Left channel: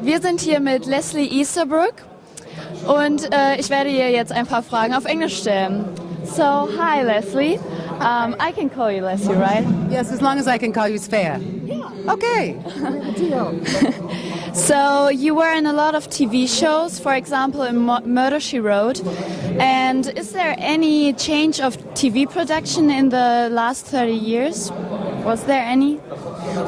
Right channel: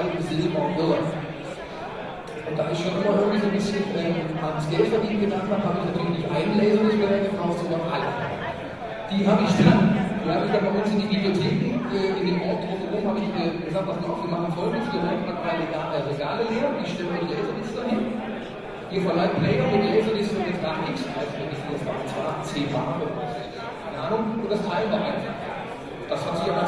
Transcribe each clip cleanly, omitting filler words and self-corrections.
Wir sind hier mit Leslie Easterbrook und ich werde ihr jetzt ein paar Fragen auf Englisch stellen. So, hi Leslie. I can call you Leslie, right? Yes, as long as I can call you Svea. Okay. So, you were in a lot of TV shows, for example in Murder, She Wrote. And is there any change of TV production in the last 30 years? Was there any?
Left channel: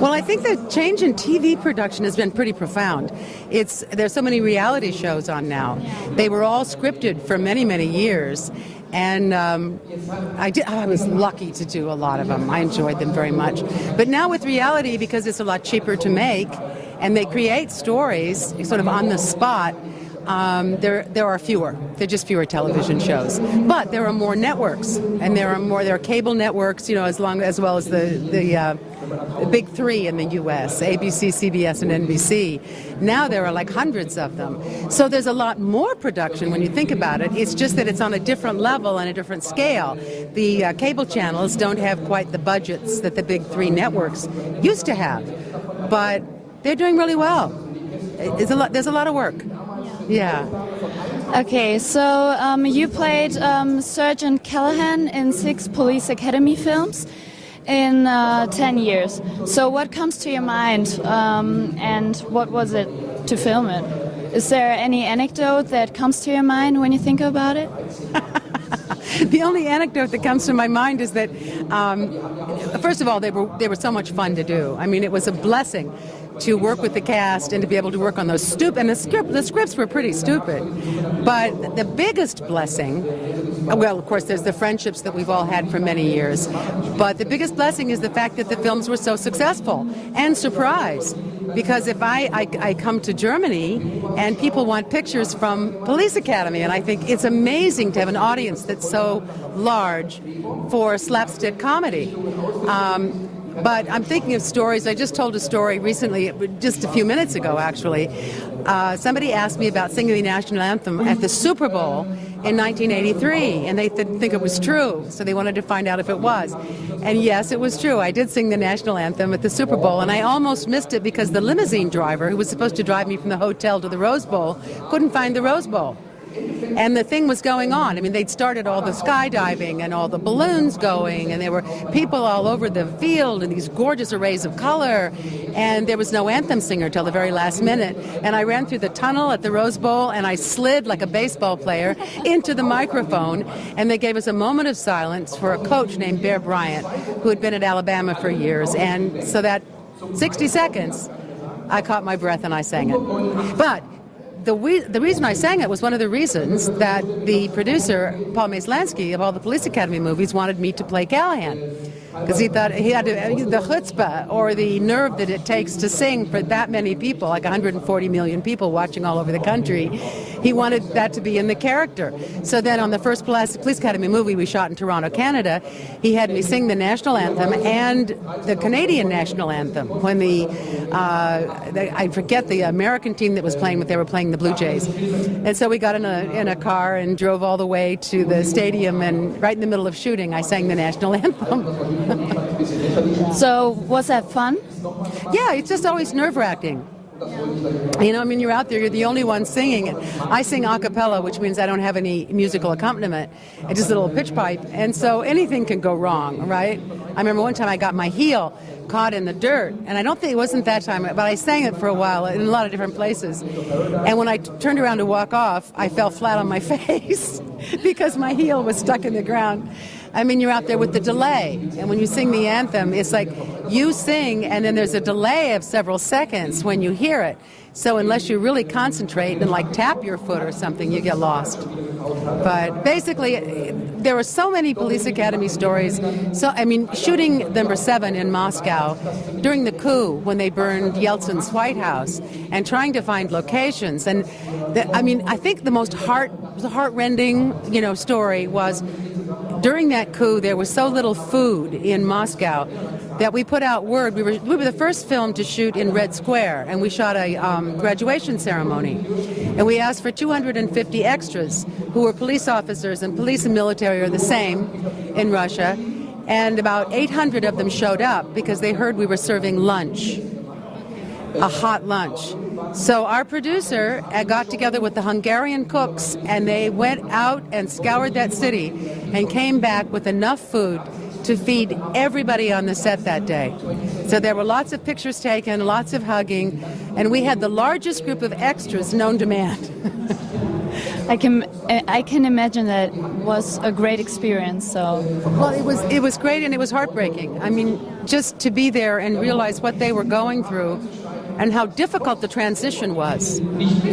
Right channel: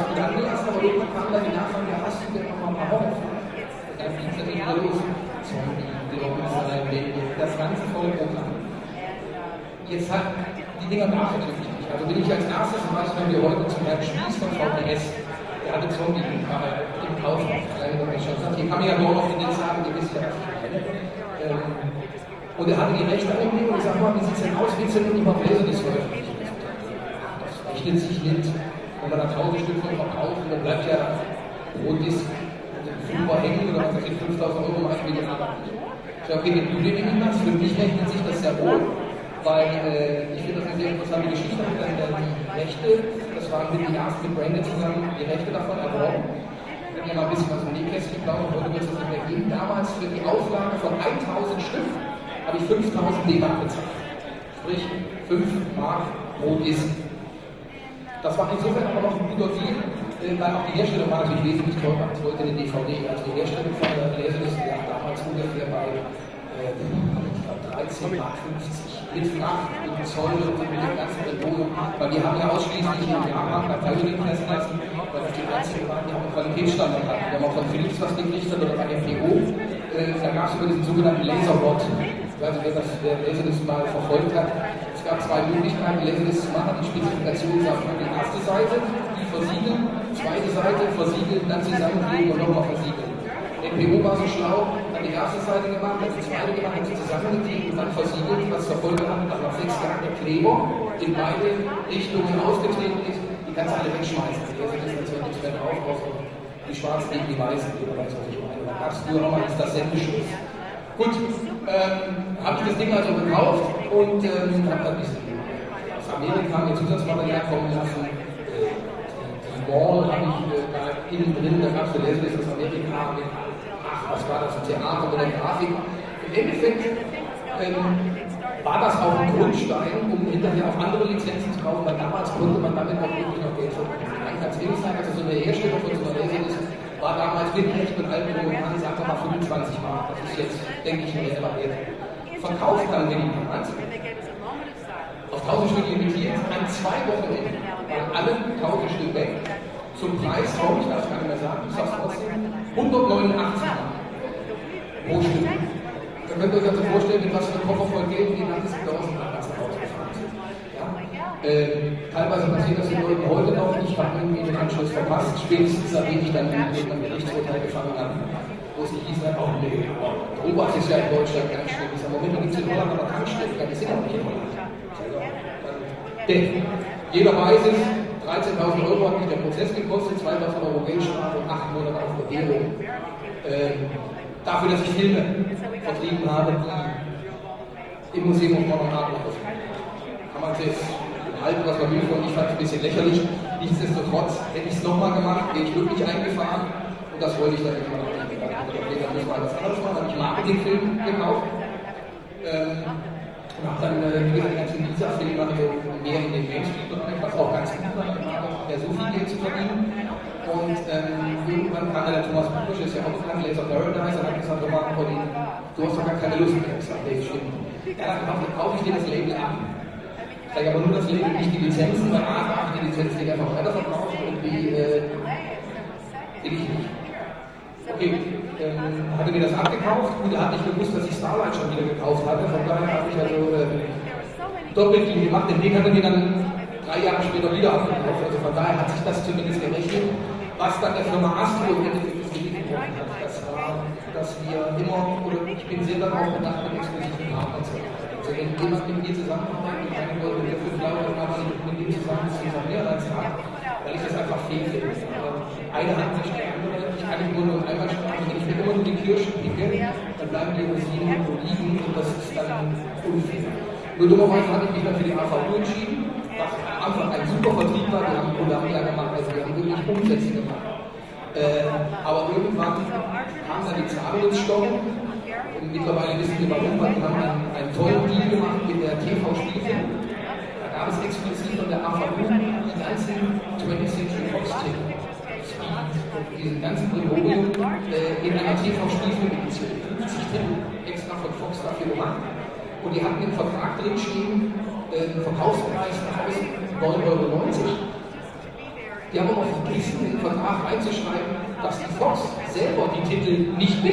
Well, I think the change in TV production has been pretty profound. There's so many reality shows on now. They were all scripted for many, many years. And I was lucky to do a lot of them. I enjoyed them very much. But now with reality, because it's a lot cheaper to make, and they create stories sort of on the spot, there are fewer. There are just fewer television shows. But there are more networks, and there are cable networks, you know, as well as the big three in the U.S., ABC, CBS, and NBC. Now there are like hundreds of them. So there's a lot more production when you think about it. It's just that it's on a different level and a different scale. The cable channels don't have quite the budgets that the big three networks used to have. But they're doing really well. There's a lot of work. Yeah. Okay, so you played Sergeant Callahan in 6 Police Academy films in 10 years. So what comes to your mind and what was it to film it? Is there any anecdote that comes to your mind when you think about it? The only anecdote that comes to my mind is that, first of all, they were so much fun to do. I mean, it was a blessing to work with the cast and to be able to work on those and the scripts were pretty stupid. But the biggest blessing, well, of course, there's the friendships that we've all had for many years. But the biggest blessing is the fact that the films were so successful and surprise. Because if I come to Germany and people want pictures from Police Academy, and I think it's amazing to have an audience that's so large for slapstick comedy. But I'm thinking of stories. I just told a story recently, just a few minutes ago, actually. Somebody asked me about singing the national anthem at the Super Bowl in 1983, and they didn't think it was true, so they wanted to find out if it was. And yes, it was true. I did sing the national anthem at the Super Bowl, and I almost missed it because the limousine driver, who was supposed to drive me from the hotel to the Rose Bowl, couldn't find the Rose Bowl. And the thing was going on. I mean, they'd started all the skydiving and all the balloons going, and there were people all over the field and these gorgeous arrays of color, and there was no anthem singer till the very last minute. And I ran through the tunnel at the Rose Bowl, and I slid like a baseball player into the microphone, and they gave us a moment of silence for a coach named Bear Bryant, who had been at Alabama for years, and so that 60 seconds, I caught my breath and I sang it. But the reason I sang it was one of the reasons that the producer, Paul Maslansky, of all the Police Academy movies, wanted me to play Callahan. Because he thought he had the chutzpah, or the nerve that it takes to sing for that many people, like 140 million people watching all over the country. He wanted that to be in the character. So then on the first Police Academy movie we shot in Toronto, Canada, he had me sing the national anthem and the Canadian national anthem. When I forget the American team that was playing, but they were playing the Blue Jays. And so we got in a car and drove all the way to the stadium, and right in the middle of shooting I sang the national anthem. So was that fun? Yeah, it's just always nerve-wracking. You know, I mean, you're out there, you're the only one singing it. I sing a cappella, which means I don't have any musical accompaniment. It's just a little pitch pipe. And so anything can go wrong, right? I remember one time I got my heel caught in the dirt, and I don't think it wasn't that time, but I sang it for a while in a lot of different places. And when I turned around to walk off, I fell flat on my face because my heel was stuck in the ground. I mean, you're out there with the delay, and when you sing the anthem, it's like you sing, and then there's a delay of several seconds when you hear it. So unless you really concentrate and like tap your foot or something, you get lost. But basically, there are so many Police Academy stories. So, I mean, shooting number 7 in Moscow during the coup when they burned Yeltsin's White House, and trying to find locations. And I mean, I think the most heart-rending, you know, story was during that coup there was so little food in Moscow that we put out word. We were the first film to shoot in Red Square, and we shot a graduation ceremony, and we asked for 250 extras who were police officers, and police and military are the same in Russia, and about 800 of them showed up because they heard we were serving lunch. a hot lunch. So our producer got together with the Hungarian cooks, and they went out and scoured that city and came back with enough food to feed everybody on the set that day. So there were lots of pictures taken, lots of hugging, and we had the largest group of extras known to man. I can imagine that was a great experience. So, well, it was great, and it was heartbreaking. I mean, just to be there and realize what they were going through, and how difficult the transition was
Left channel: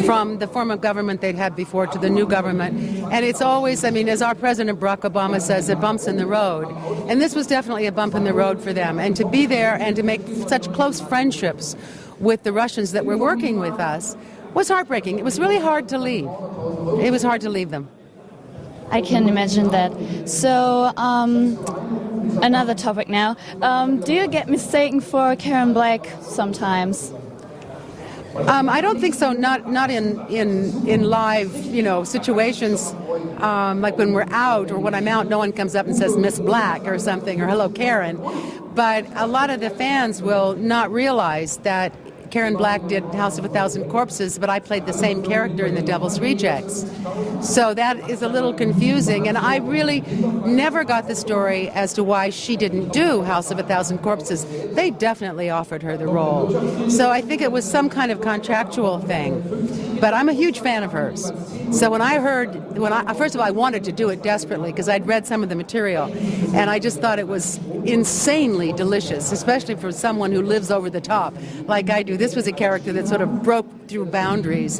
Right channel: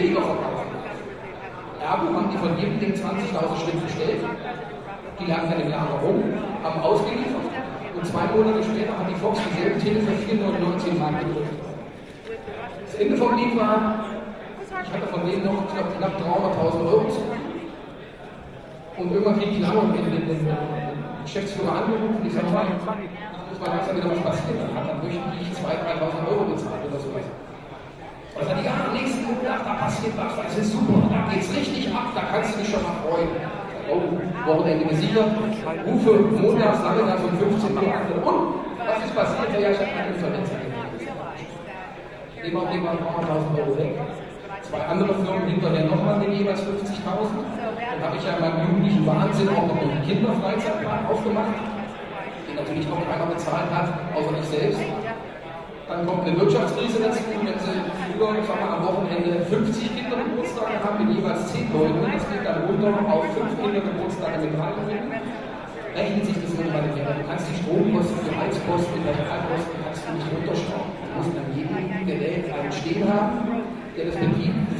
from the form of government they'd had before to the new government. And it's always, I mean, as our President Barack Obama says, it bumps in the road. And this was definitely a bump in the road for them. And to be there and to make such close friendships with the Russians that were working with us was heartbreaking. It was really hard to leave. It was hard to leave them. I can imagine that. So, another topic now. Do you get mistaken for Karen Black sometimes? I don't think so. Not in live, situations. Like when we're out or when I'm out, no one comes up and says Miss Black or something or hello Karen. But a lot of the fans will not realize that Karen Black did House of a Thousand Corpses, but I played the same character in The Devil's Rejects. So that is a little confusing, and I really never got the story as to why she didn't do House of a Thousand Corpses. They definitely offered her the role. So I think it was some kind of contractual thing. But I'm a huge fan of hers. So when I heard, first of all, I wanted to do it desperately because I'd read some of the material, and I just thought it was insanely delicious, especially for someone who lives over the top like I do. This was a character that sort of broke through boundaries.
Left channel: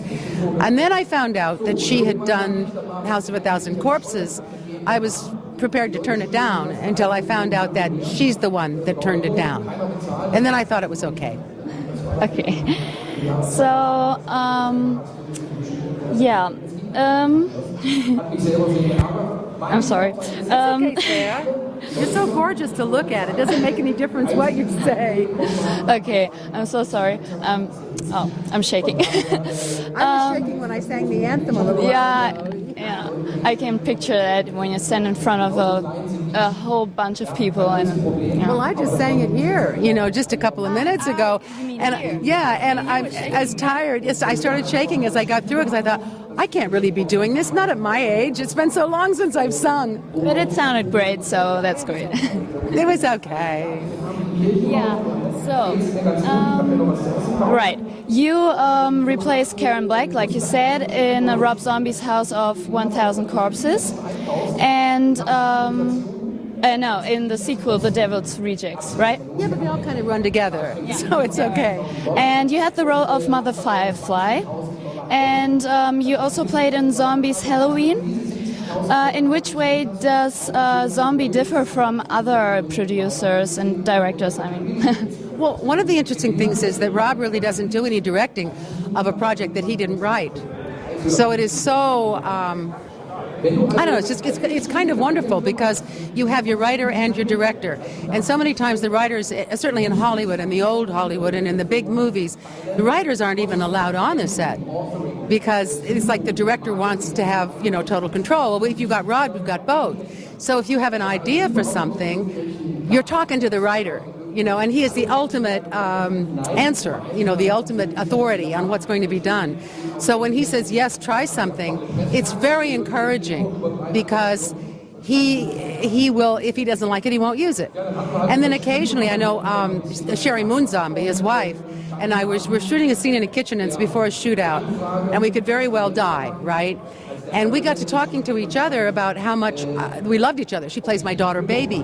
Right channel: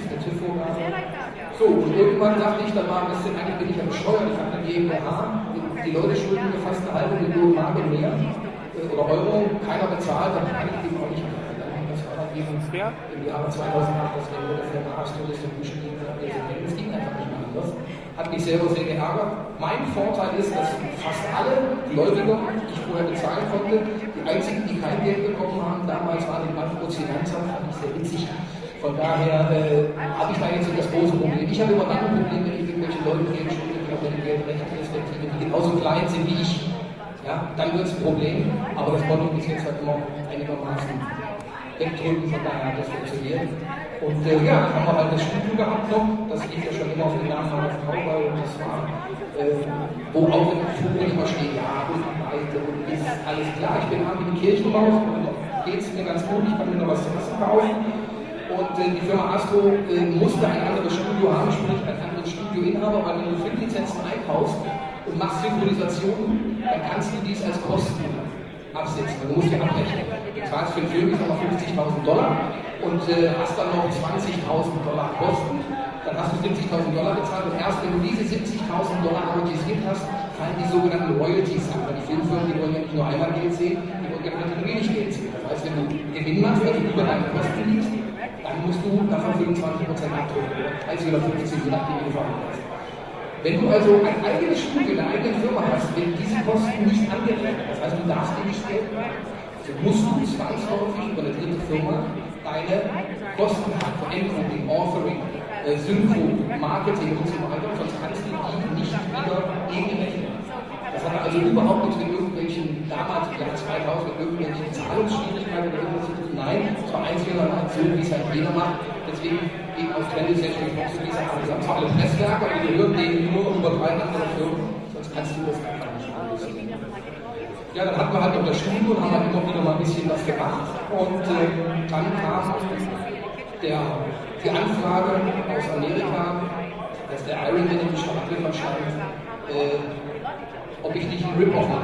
And then I found out that she had done House of a Thousand Corpses. I was prepared to turn it down until I found out that she's the one that turned it down. And then I thought it was okay. Okay. So, yeah. I'm sorry. It's so gorgeous to look at. It doesn't make any difference what you say. Okay, I'm so sorry. I'm shaking. I'm shaking when I sang the anthem on the wall. Yeah. I can picture that when you stand in front of a whole bunch of people. And well, I just sang it here, just a couple of minutes ago, and I'm as tired. I started shaking as I got through it because I thought I can't really be doing this. Not at my age. It's been so long since I've sung. But it sounded great, so that's good. It was okay. Yeah. So, right. You replaced Karen Black, like you said, in Rob Zombie's House of 1,000 Corpses, and no, in the sequel, The Devil's Rejects, right? Yeah, they all kind of run together, so it's okay. And you had the role of Mother Firefly, and you also played in Zombie's Halloween. In which way does Zombie differ from other producers and directors? Well, one of the interesting things is that Rob really doesn't do any directing of a project that he didn't write. So it is so, I don't know, it's kind of wonderful because you have your writer and your director. And so many times the writers, certainly in Hollywood and the old Hollywood and in the big movies, the writers aren't even allowed on the set because it's like the director wants to have, total control. If you've got Rod, you've got both. So if you have an idea for something, you're talking to the writer, and he is the ultimate answer, the ultimate authority on what's going to be done. So when he says, yes, try something, it's very encouraging because he will, if he doesn't like it, he won't use it. And then occasionally, I know Sherry Moonzombie, his wife, and I we're shooting a scene in a kitchen, and it's before a shootout, and we could very well die, right? And we got to talking to each other about how much we loved each other. She plays my daughter, Baby.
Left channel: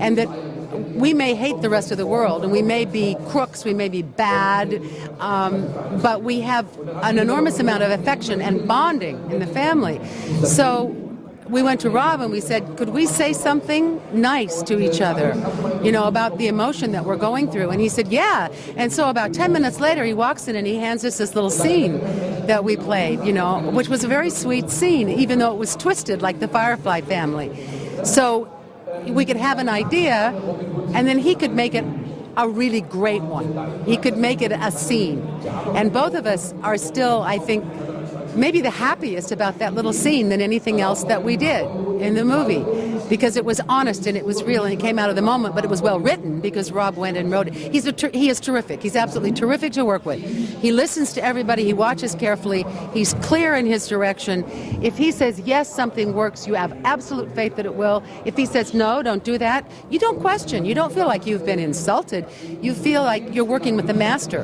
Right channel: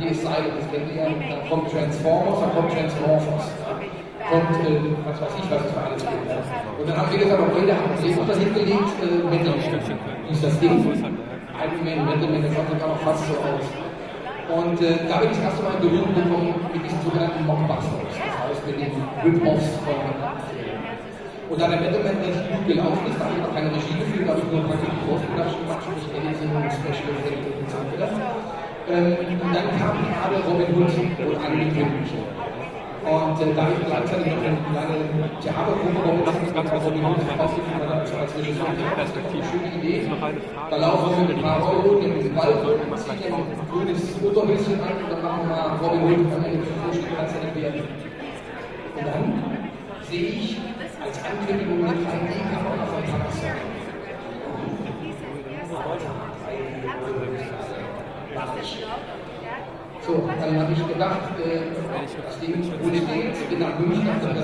And that we may hate the rest of the world, and we may be crooks, we may be bad, but we have an enormous amount of affection and bonding in the family. So we went to Rob and we said, could we say something nice to each other, about the emotion that we're going through? And he said, yeah. And so about 10 minutes later, he walks in and he hands us this little scene that we played, which was a very sweet scene, even though it was twisted like the Firefly family. So we could have an idea, and then he could make it a really great one. He could make it a scene. And both of us are still, I think, maybe the happiest about that little scene than anything else that we did in the movie, because it was honest and it was real and it came out of the moment, but it was well written because Rob went and wrote it. He is terrific. He's absolutely terrific to work with. He listens to everybody. He watches carefully. He's clear in his direction. If he says, yes, something works, you have absolute faith that it will. If he says, no, don't do that, you don't question. You don't feel like you've been insulted. You feel like you're working with the master.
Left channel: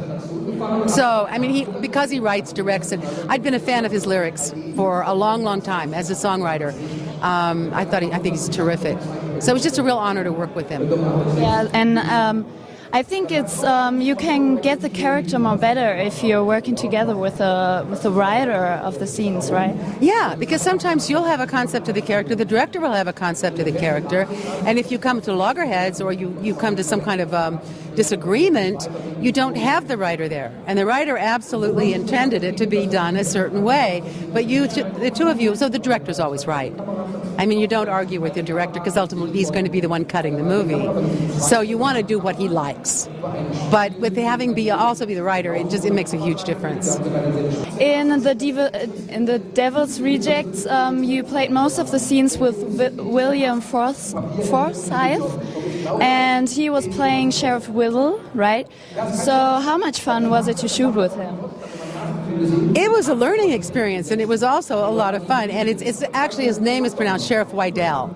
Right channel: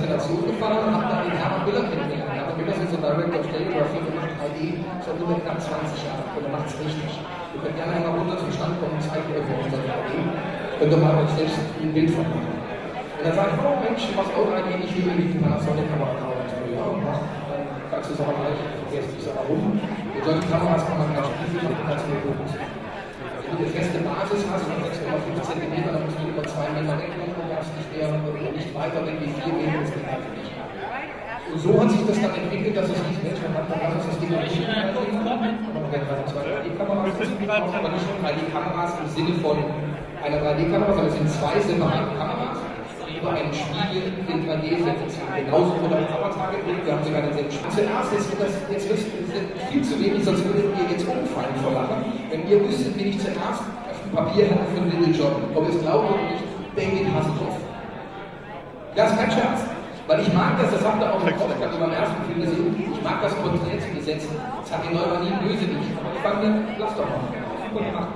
So, I mean, because he writes, directs, and I've been a fan of his lyrics for a long, long time as a songwriter. I think he's terrific. So it was just a real honor to work with him. Yeah, and I think it's you can get the character more better if you're working together with the writer of the scenes, right? Yeah, because sometimes you'll have a concept of the character, the director will have a concept of the character, and if you come to loggerheads or you come to some kind of disagreement, you don't have the writer there. And the writer absolutely intended it to be done a certain way, but the two of you, so the director's always right. I mean, you don't argue with the director because ultimately he's going to be the one cutting the movie. So you want to do what he likes. But with having also be the writer, it makes a huge difference. In the Devil's Rejects, you played most of the scenes with William Forsythe, and he was playing Sheriff Whittle, right? So how much fun was it to shoot with him? It was a learning experience, and it was also a lot of fun. And it's actually, his name is pronounced Sheriff Wydell.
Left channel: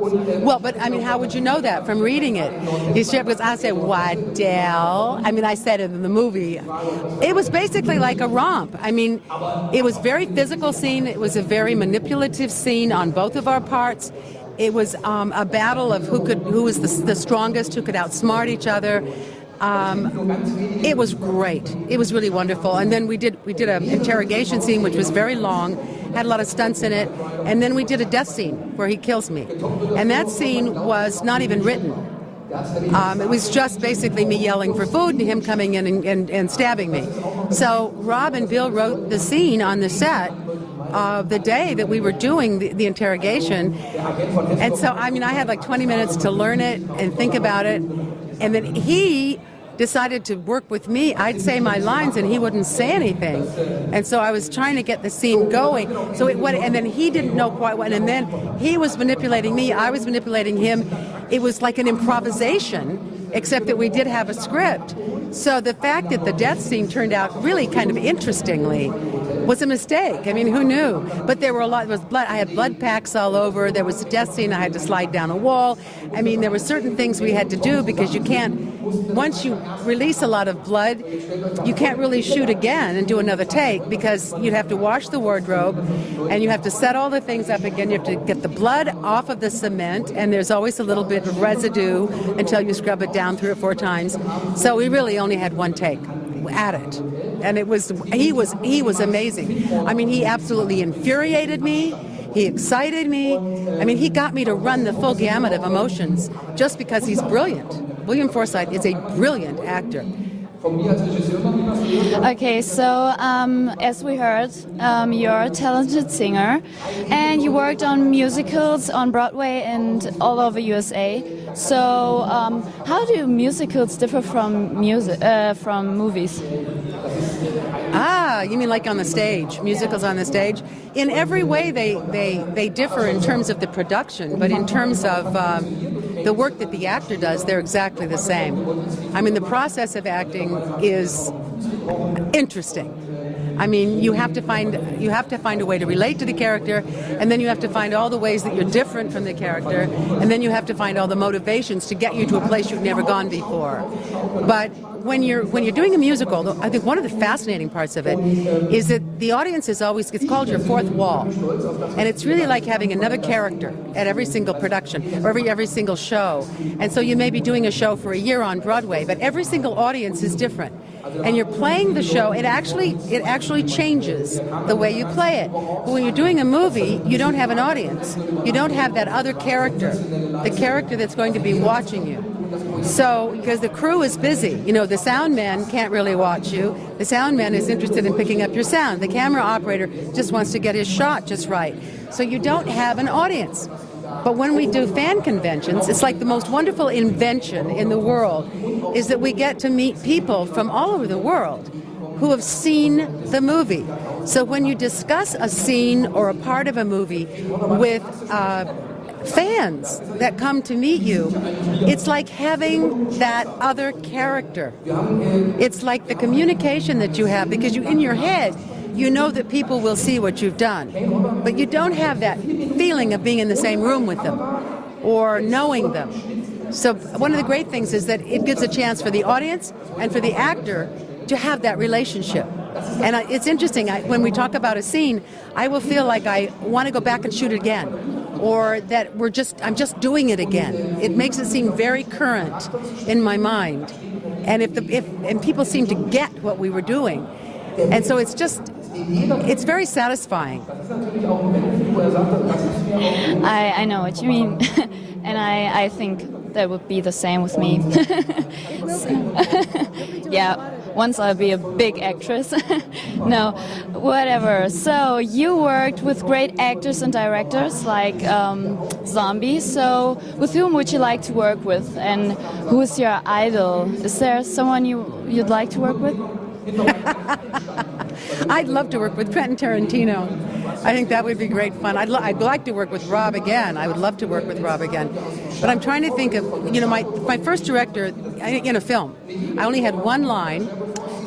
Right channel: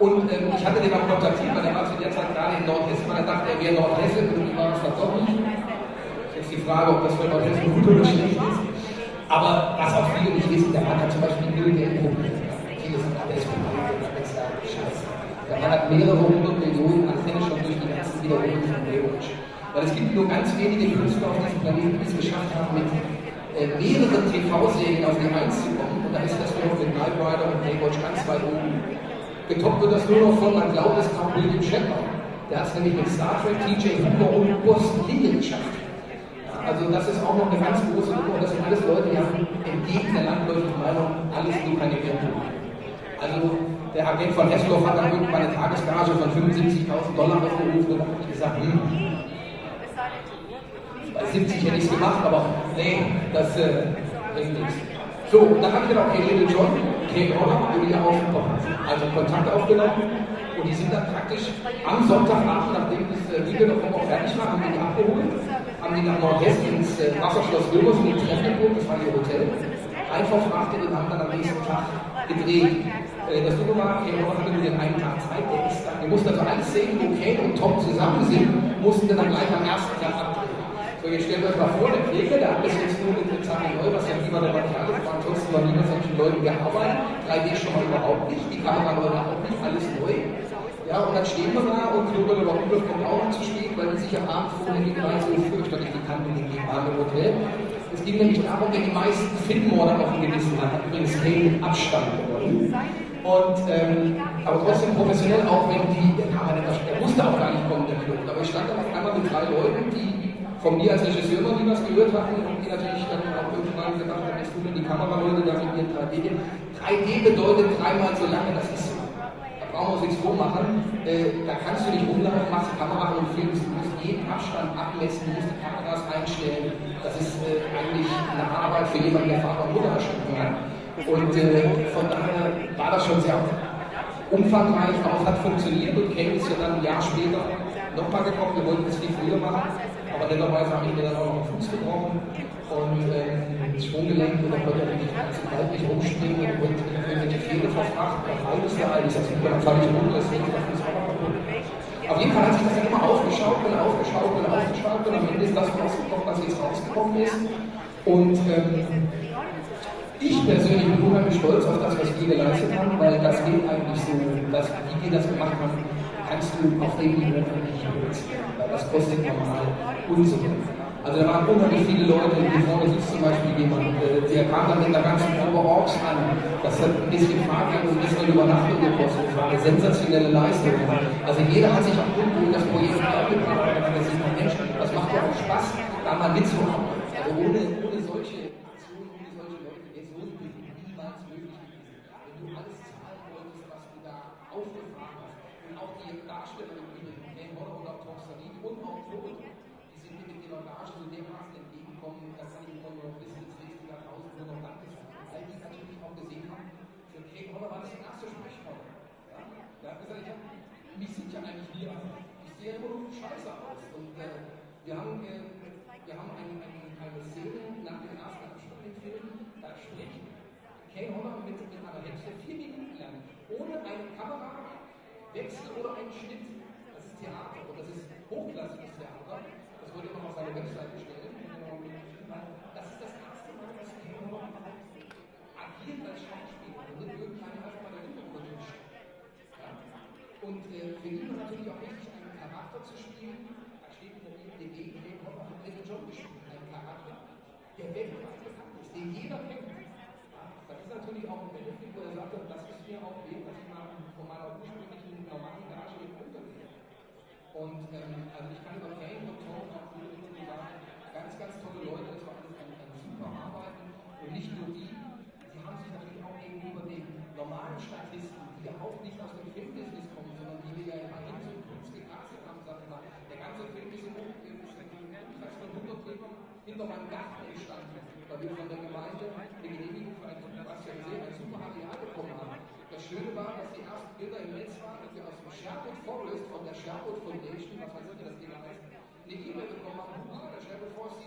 Well, but I mean, how would you know that from reading it? His sheriff was, I said, Waddell. I mean, I said it in the movie. It was basically like a romp. I mean, it was a very physical scene. It was a very manipulative scene on both of our parts. It was a battle of who was the strongest, who could outsmart each other. It was great. It was really wonderful. And then we did an interrogation scene, which was very long, had a lot of stunts in it, and then we did a death scene where he kills me. And that scene was not even written. It was just basically me yelling for food and him coming in and stabbing me. So Rob and Bill wrote the scene on the set of the day that we were doing the interrogation. And so, I mean, I had like 20 minutes to learn it and think about it. And then he decided to work with me. I'd say my lines and he wouldn't say anything. And so I was trying to get the scene going. So it went, and then he didn't know quite when, and then he was manipulating me, I was manipulating him. It was like an improvisation, except that we did have a script. So the fact that the death scene turned out really kind of interestingly was a mistake. I mean, who knew? But there were it was blood. I had blood packs all over. There was a death scene. I had to slide down a wall. I mean, there were certain things we had to do because you can't, once you release a lot of blood, you can't really shoot again and do another take because you'd have to wash the wardrobe and you have to set all the things up again. You have to get the blood off of the cement, and there's always a little bit of residue until you scrub it down 3 or 4 times. So we really only had one take at it, and he was amazing. I mean, he absolutely infuriated me. He excited me. I mean, he got me to run the full gamut of emotions just because he's brilliant. William Forsythe is a brilliant actor. Okay, so as we heard, you're a talented singer, and you worked on musicals on Broadway and all over USA. So how do musicals differ from movies? You mean like on the stage, musicals on the stage? In every way they differ in terms of the production, but in terms of the work that the actor does, they're exactly the same. I mean, the process of acting is interesting. I mean, you have to find a way to relate to the character, and then you have to find all the ways that you're different from the character, and then you have to find all the motivations to get you to a place you've never gone before. But when you're doing a musical, I think one of the fascinating parts of it is that the audience is always, it's called your fourth wall, and it's really like having another character at every single production or every single show. And so you may be doing a show for a year on Broadway, but every single audience is different. And you're playing the show, it actually changes the way you play it. But when you're doing a movie, you don't have an audience. You don't have that other character, the character that's going to be watching you. So, because the crew is busy, you know, the sound man can't really watch you. The sound man is interested in picking up your sound. The camera operator just wants to get his shot just right. So you don't have an audience. But when we do fan conventions, it's like the most wonderful invention in the world is that we get to meet people from all over the world who have seen the movie. So when you discuss a scene or a part of a movie with fans that come to meet you, it's like having that other character. It's like the communication that you have, because in your head, you know that people will see what you've done, but you don't have that feeling of being in the same room with them or knowing them. So one of the great things is that it gives a chance for the audience and for the actor to have that relationship. And it's interesting, when we talk about a scene, I will feel like I want to go back and shoot it again, or that I'm just doing it again. It makes it seem very current in my mind. And if people seem to get what we were doing. And so it's very satisfying. I know what you mean. And I think that would be the same with me. Yeah, once I'll be a big actress. No, whatever. So you worked with great actors and directors like Zombie. So with whom would you like to work with, and who is your idol? Is there someone you'd like to work with? I'd love to work with Quentin Tarantino. I think that would be great fun. I'd like to work with Rob again. I would love to work with Rob again. But I'm trying to think of, my first director in a film. I only had one line,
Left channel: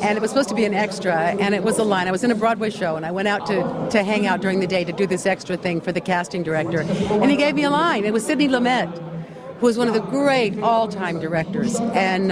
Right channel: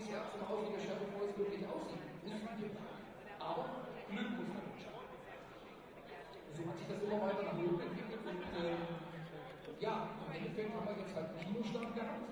and it was supposed to be an extra, and it was a line. I was in a Broadway show, and I went out to hang out during the day to do this extra thing for the casting director. And he gave me a line. It was Sidney Lumet, who was one of the great all-time directors. And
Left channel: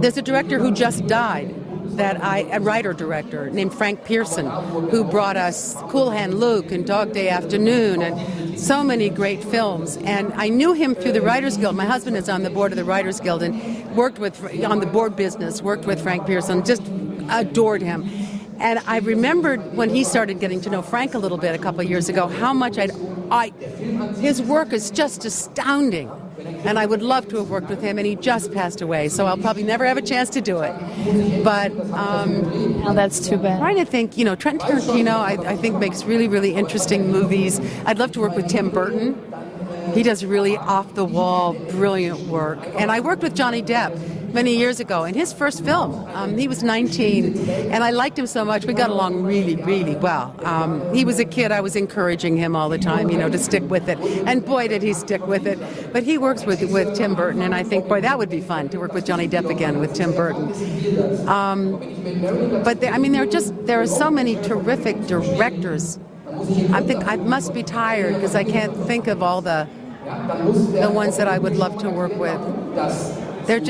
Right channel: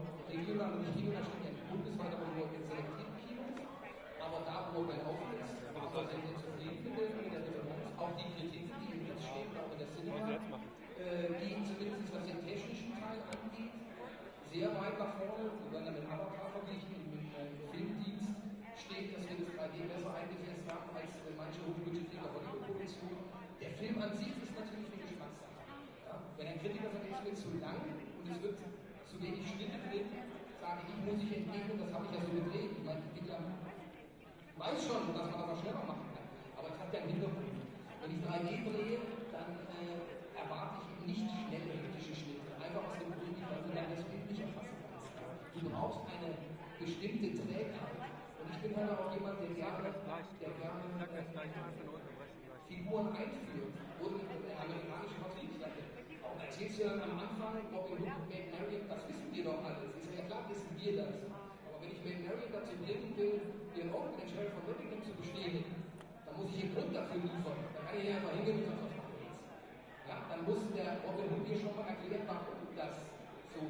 there's a director who just died, a writer-director named Frank Pearson, who brought us Cool Hand Luke and Dog Day Afternoon and so many great films. And I knew him through the Writers Guild. My husband is on the board of the Writers Guild and worked on the board business, worked with Frank Pearson, just adored him. And I remembered when he started getting to know Frank a little bit a couple of years ago, how much his work is just astounding. And I would love to have worked with him, and he just passed away, so I'll probably never have a chance to do it. But oh, that's too bad. I'm trying to think, Quentin Tarantino, I think makes really, really interesting movies. I'd love to work with Tim Burton. He does really off-the-wall, brilliant work. And I worked with Johnny Depp many years ago in his first film. He was 19, and I liked him so much. We got along really, really well. He was a kid. I was encouraging him all the time, to stick with it. And boy, did he stick with it. But he works with Tim Burton, and I think, boy, that would be fun to work with Johnny Depp again with Tim Burton. But there are so many terrific directors. I think I must be tired because I can't think of all the ones that I would love to work with. I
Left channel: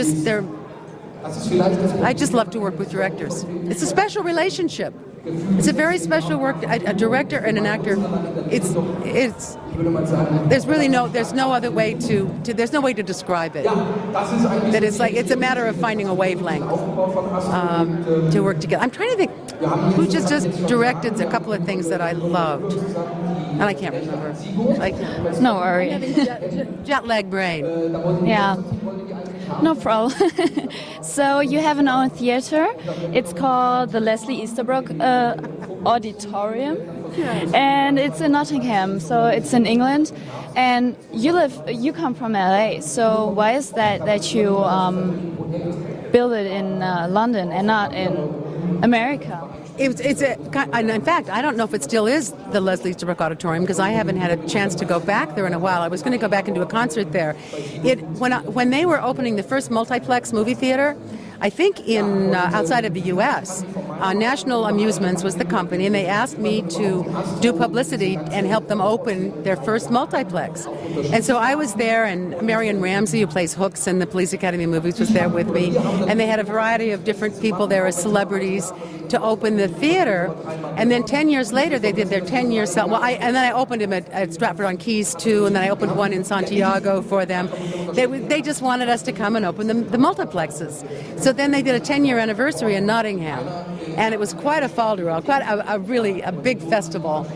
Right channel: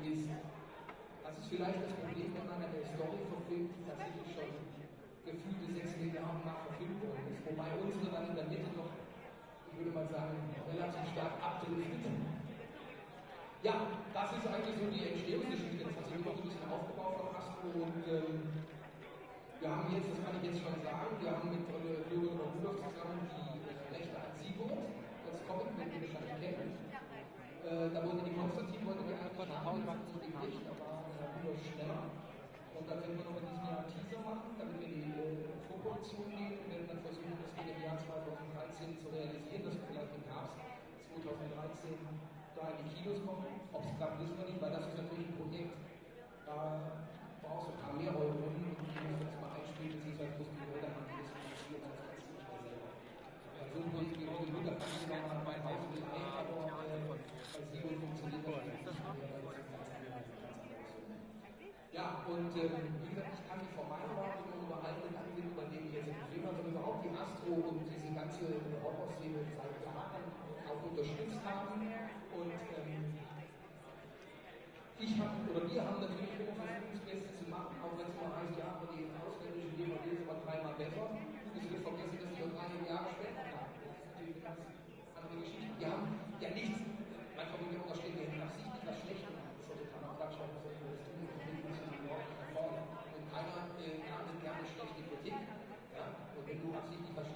just love to work with directors. It's a special relationship. It's a very special work. A director and an actor. There's no other way there's no way to describe it. That it's a matter of finding a wavelength to work together. I'm trying to think who just directed a couple of things that I loved, and I can't remember. No worry. Jet lag brain. Yeah. No problem. So you have an own theater. It's called the Leslie Easterbrook Auditorium, and it's in Nottingham. So it's in England, and you come from LA. So why is that you build it in London and not in America? And in fact, I don't know if it still is the Leslie Easterbrook Auditorium because I haven't had a chance to go back there in a while. I was going to go back and do a concert there. When they were opening the first multiplex movie theater, I think in outside of the U.S., National Amusements was the company, and they asked me to do publicity and help them open their first multiplex. And so I was there, and Marion Ramsey, who plays Hooks in the Police Academy movies, was there with me. And they had a variety of different people there as celebrities to open the theater. And then 10 years later, they did their 10-year sale. And then I opened them at Stratford-on-Keys, too, and then I opened one in Santiago for them. They just wanted us to come and open the multiplexes. So then they did a 10-year anniversary in Nottingham. And it was quite a fol-de-rol, quite a big festival.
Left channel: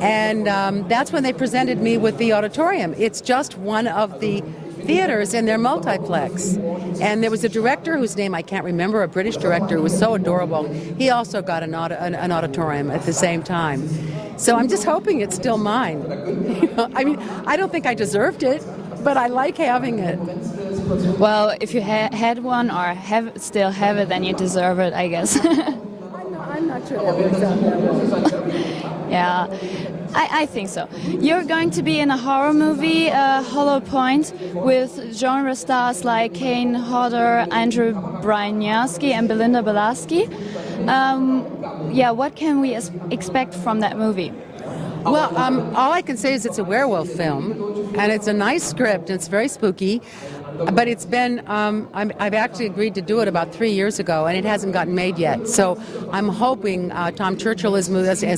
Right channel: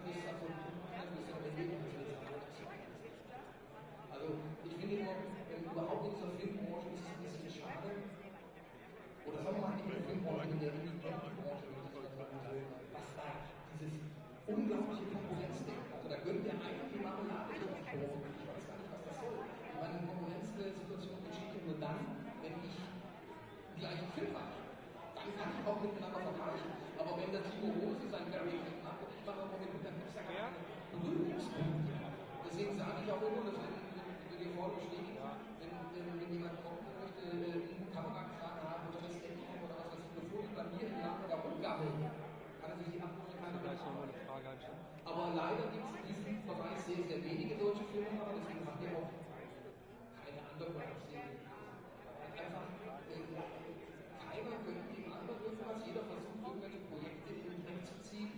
And that's when they presented me with the auditorium. It's just one of the theaters in their multiplex. And there was a director whose name I can't remember, a British director who was so adorable. He also got an auditorium at the same time. So I'm just hoping it's still mine. I mean, I don't think I deserved it, but I like having it. Well, if you had one or still have it, then you deserve it, I guess. I'm not sure that works out that way. Yeah, I think so. You're going to be in a horror movie, Hollow Point, with genre stars like Kane Hodder, Andrew Bryanowski, and Belinda Belaski. Yeah, what can we expect from that movie? Well, all I can say is it's a werewolf film, and it's a nice script. It's very spooky, but it's been, I've actually agreed to do it about 3 years ago, and it hasn't gotten made yet. So I'm hoping Tom Churchill has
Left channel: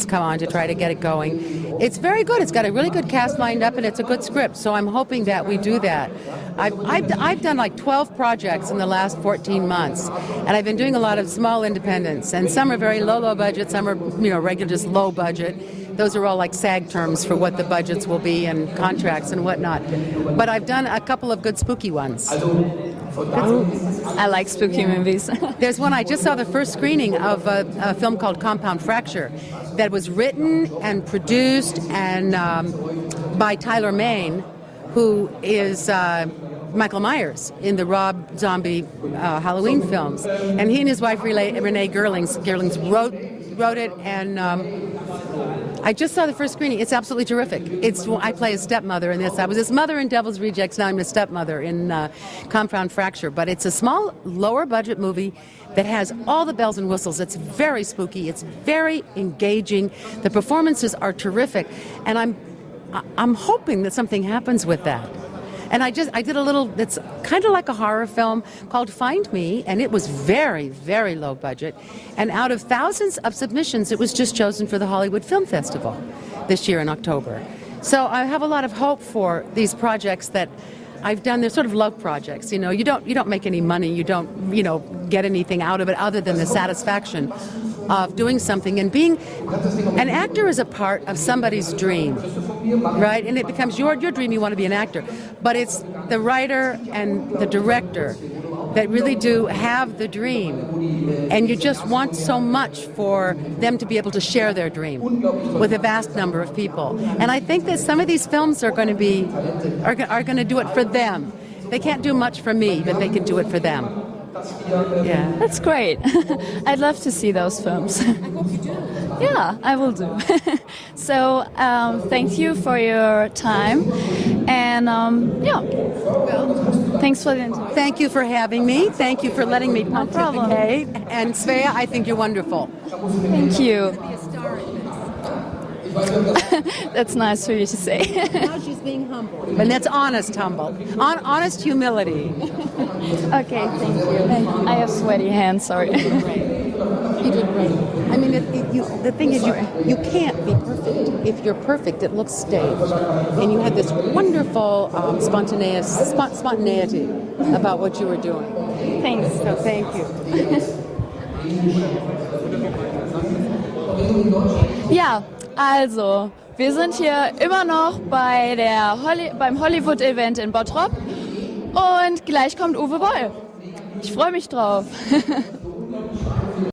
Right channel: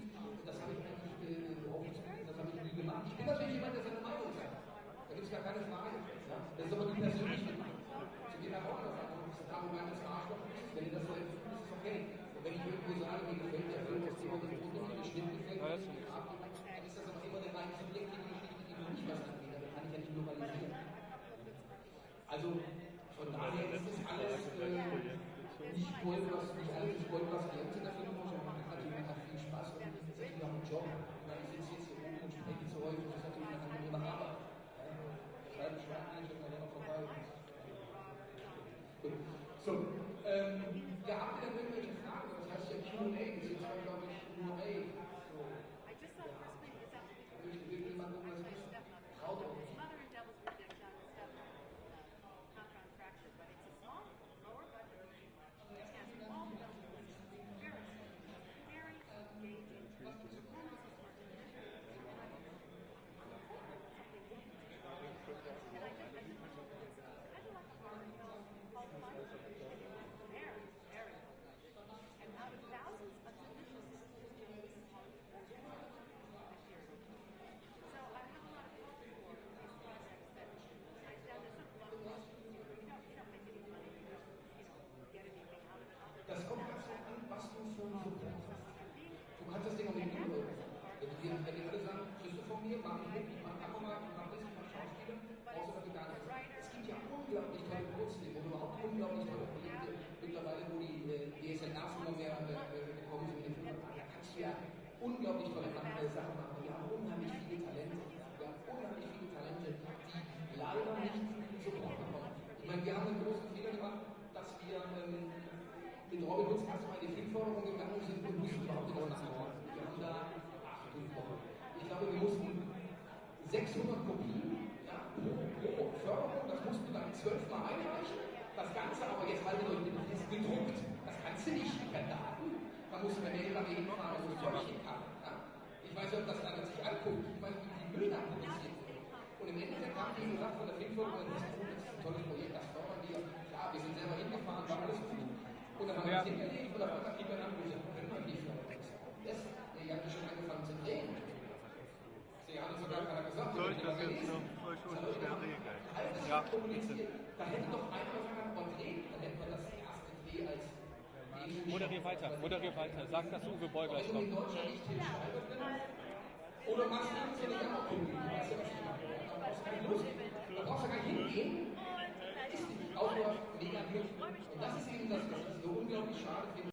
come on to try to get it going. It's very good. It's got a really good cast lined up, and it's a good script. So I'm hoping that we do that. I've done like 12 projects in the last 14 months, and I've been doing a lot of small independents, and some are very low budget, some are regular, just low budget. Those are all like SAG terms for what the budgets will be and contracts and whatnot. But I've done a couple of good spooky ones. I like spooky movies. There's one, I just saw the first screening of a film called Compound Fracture that was written and produced and by Tyler Mane, who is Michael Myers in the Rob Zombie Halloween films. And he and his wife Renee Gerlings wrote it, and I just saw the first screening. It's absolutely terrific. I play a stepmother in this. I was his mother in Devil's Rejects. Now I'm a stepmother in Compound Fracture. But it's a small, lower budget movie that has all the bells and whistles. It's very spooky. It's very engaging. The performances are terrific, and I'm hoping that something happens with that. And I did a little, it's kind of like a horror film called Find Me, and it was very, very low budget. And out of thousands of submissions, it was just chosen for the Hollywood Film Festival this year in October. So I have a lot of hope for these projects that I've done. They're sort of love projects. You don't make any money. You don't, get anything out of it other than the satisfaction of doing something. And being an actor is a part of somebody's dream, right? And it becomes your dream. You want to be an actor, but it's the writer and the director that really do have the dream, and you just want so much for them to be able to share their dream with a vast number of people. And I think that some of these films are going to do it for them. They can't do much for me, but they can do it for them. Yeah, that's great. I'd love to see those films. I hope you do. Yeah, I will do. So thank you for your time, and thanks for the interview. Thank you for having me. Thank you for letting me pontificate. And Svea, I think you're wonderful. Thank you. That's nice for you to say. Now she's being humble. And that's honest honest humility. Okay, thank you. I have sweaty hands, sorry. You did great. I mean, the thing is, you can't be perfect. If you're perfect, it looks staged. And you had this wonderful spontaneity about what you were doing. Thanks. So thank you. Ja, also, wir sind hier immer noch beim Hollywood-Event in Bottrop und gleich kommt Uwe Boll. Ich freue mich drauf.